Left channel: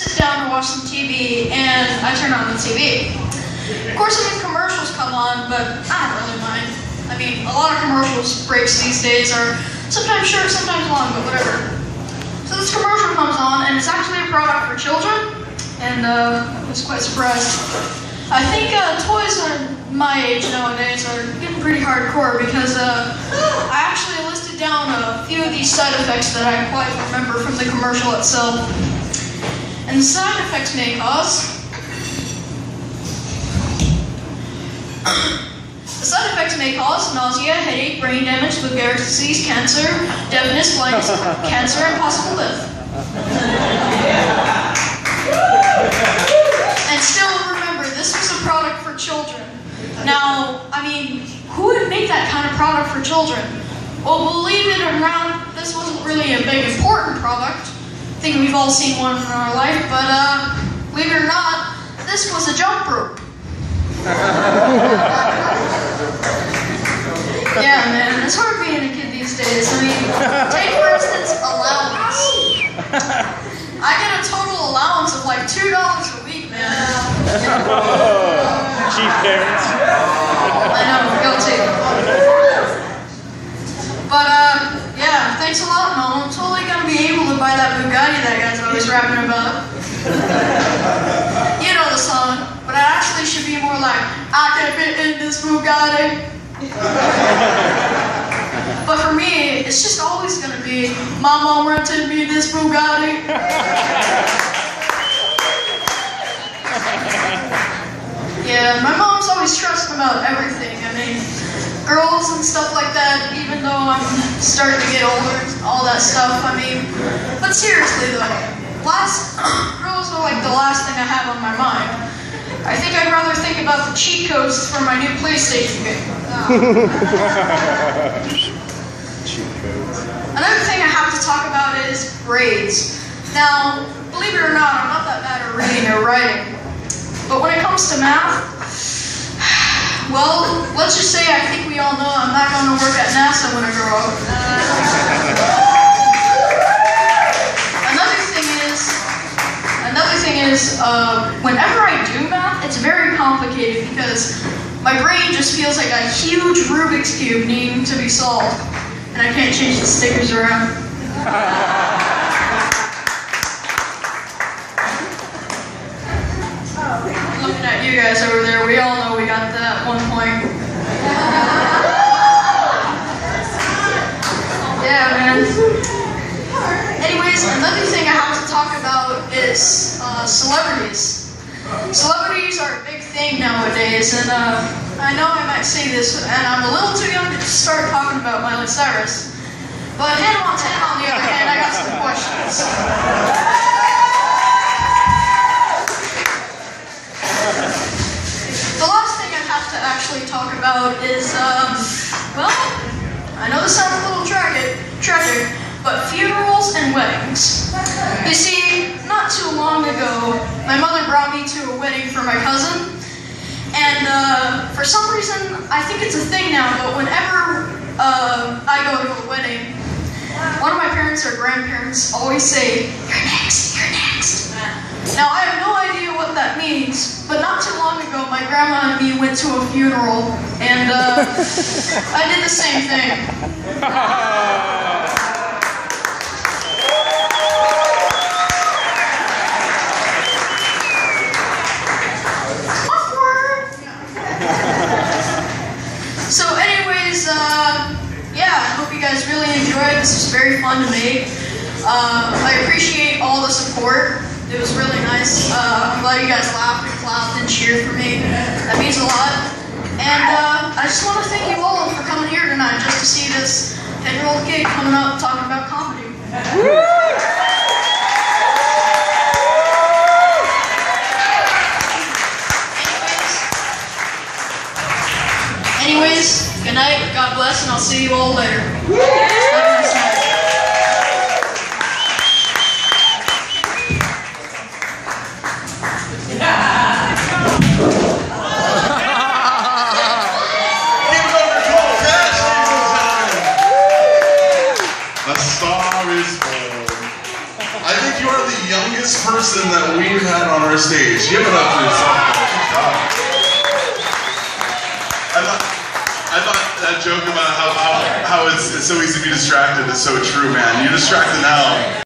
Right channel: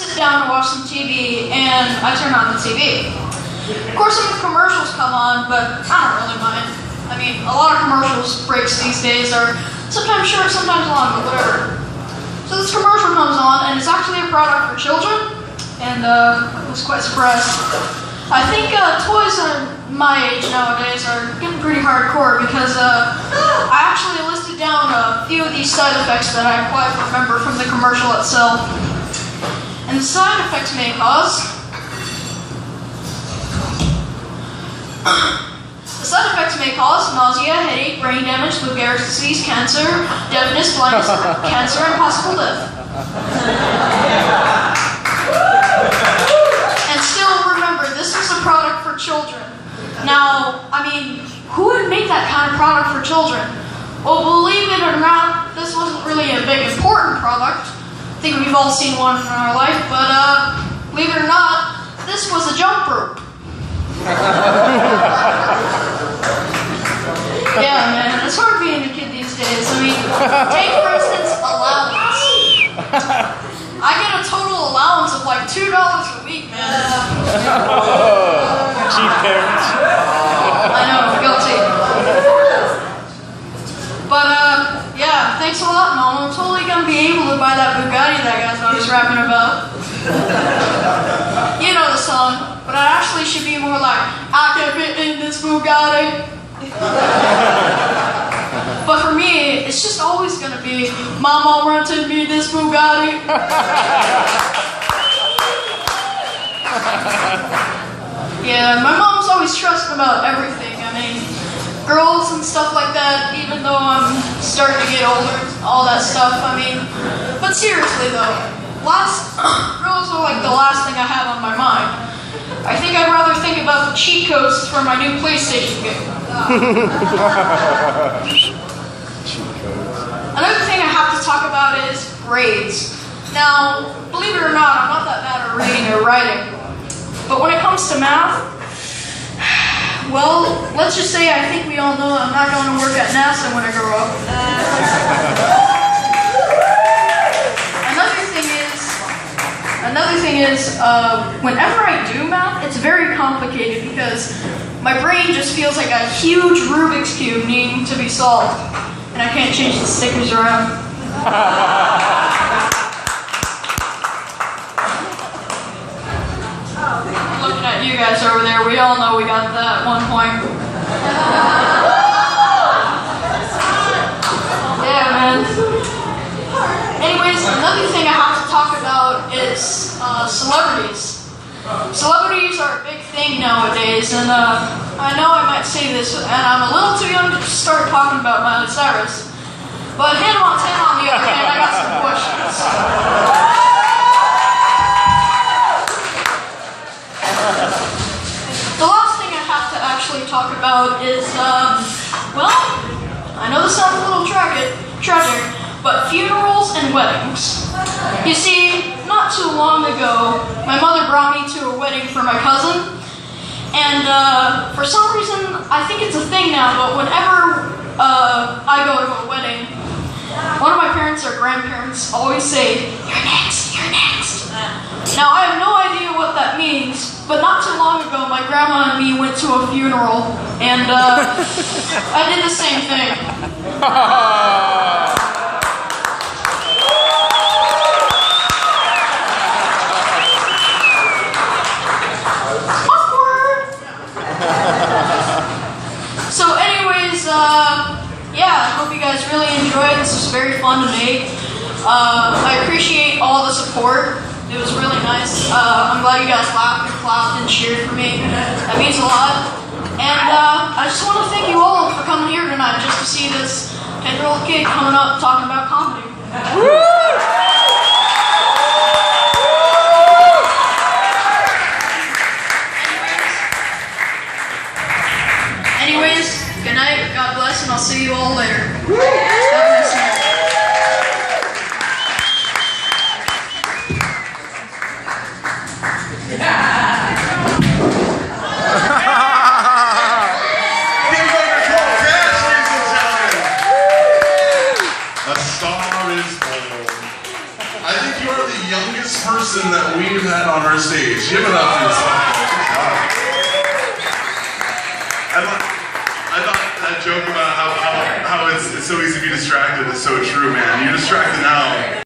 sit down and watch some TV, and I turn on the TV. Of course, some commercials come on, but I don't really mind. I mean, a lot of commercials breaks these days are sometimes short, sometimes long, but whatever. So this commercial comes on, and it's actually a product for children, and I was quite surprised. I think toys are my age nowadays are getting pretty hardcore because I actually listed down a few of these side effects that I quite remember from the commercial itself. And the side effects may cause nausea, headache, brain damage, Lou Gehrig's disease, cancer, deafness, blindness, cancer, and possible death. And still remember, this was a product for children. Now, I mean, who would make that kind of product for children? Well, believe it or not, this wasn't really a big important product. I think we've all seen one in our life, but believe it or not, this was a jump rope. Yeah, man, it's hard being a kid these days. I mean, take for instance, allowance. I get a total allowance of like $2 a week, man. Cheap parents. I know, guilty. But yeah, thanks a lot, Mom. I'm totally gonna be able to buy that Bugatti that guy's always rapping about. You know the song, but it actually should be more like, I can't fit in this Bugatti. But for me, it's just always gonna be, my mom rented me this Bugatti. Yeah, my mom's always stressed about everything. I mean, girls and stuff like that, even though I'm starting to get older and all that stuff, I mean, but seriously though, girls are like the last thing I have on my mind. I think I'd rather think about the cheat codes for my new PlayStation game. Another thing I have to talk about is grades. Now, believe it or not, I'm not that bad at reading or writing. But when it comes to math, well, let's just say I think we all know I'm not going to work at NASA when I grow up. Another thing is, whenever I do math, it's very complicated because my brain just feels like a huge Rubik's Cube needing to be solved. And I can't change the stickers around. I'm looking at you guys over there. We all know we got that at one point. Yeah, man. Anyways, another thing I have to talk about is celebrities. Celebrities are a big thing nowadays, and I know I might say this, and I'm a little too young to start talking about Miley Cyrus. But Hannah Montana, on the other hand, I got some questions. The last thing I have to actually talk about is, well, I know this sounds a little tragic, but funerals and weddings. You see, not too long ago, my mother brought me to a wedding for my cousin, and for some reason, I think it's a thing now, but whenever I go to a wedding, one of my parents or grandparents always say, "You're next, you're next." Now, I have no idea what that means, but not too long ago, my grandma and me went to a funeral, and I did the same thing. So anyways, yeah, I hope you guys really enjoyed. This was very fun to make. I appreciate all the support. It was really nice. I'm glad you guys laughed and clapped and cheered for me. That means a lot. And I just want to thank you all for coming here tonight just to see this 10-year-old kid coming up talking about comedy. Anyways, good night, God bless, and I'll see you all later. Have a nice night. A star is born. person that we've had on our stage. Give it up for yourself. Good job. I thought that joke about how it's so easy to be distracted is so true, man. You're distracted now.